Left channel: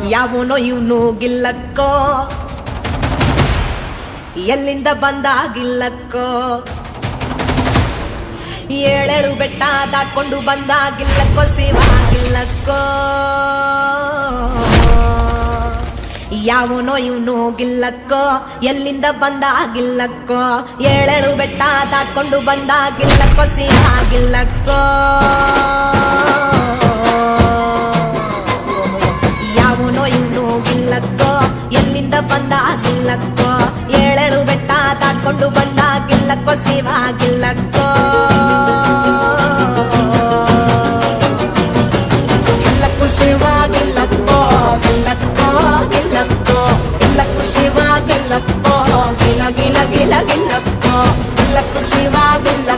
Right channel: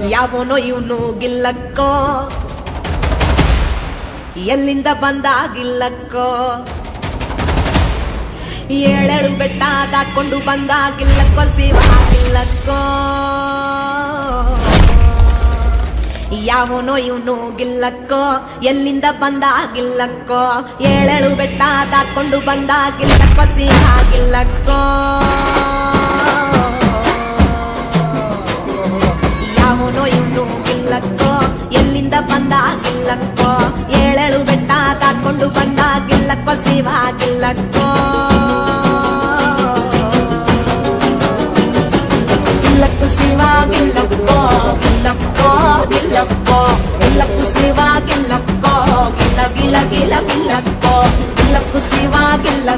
ಯಾವನೋ ಇವನು ಗಿಲ್ಲಕ್ಕೋ? ಎಲ್ಲಿಂದ ಬಂದಾಗಿಲ್ಲಕ್ಕೋ ಏಳೇಳು ಬೆಟ್ಟ ದಾಟ್ಕೊಂಡು ಬಂದಾಗಿಲ್ಲಕ್ಕೋ ಸೇವಾಗಿಲ್ಲಕ್ಕೋ ಯಾವನೋ ಇವನು ಗಿಲ್ಲಕ್ಕೋ? ಎಲ್ಲಿಂದ ಬಂದಾಗಿಲ್ಲಕ್ಕೋ ಏಳೇಳು ಬೆಟ್ಟ ದಾಟ್ಕೊಂಡು ಬಂದಾಗಿಲ್ಲಕ್ಕೋ ಶಿವಾಗಿಲ್ಲಕ್ಕೋ ಇವನು ಗಿಲ್ಲಕ್ಕೋ ಎಲ್ಲಿಂದ ಬಂದಾಗಿಲ್ಲಕ್ಕೋ ಏಳೇಳು ಬೆಟ್ಟ ದಾಟ್ಕೊಂಡು ಬಂದಾಗಿಲ್ಲಕ್ಕೋ ಶಿವಾಗಿಲ್ಲಕ್ಕೋ ಗಿಲ್ಲಕ್ಕೋ ಶಿವಾಗಿಲ್ಲಕ್ಕೋ ಗಿಲ್ಲಕ್ಕೋ ಗಿಲ್ಲಕ್ಕೋ ಗಿಲ್ಲಕ್ಕೋ ಶಿವಾಗಿಲ್ಲಕ್ಕೋ ಗಿಲ ಗಿಲ ಗಿಲ ಗಿಲ್ಲಕ್ಕೋ ಗಿಲ್ಲಕ್ಕೋ ಶಿವಾಗಿಲ್ಲಕ್ಕೋ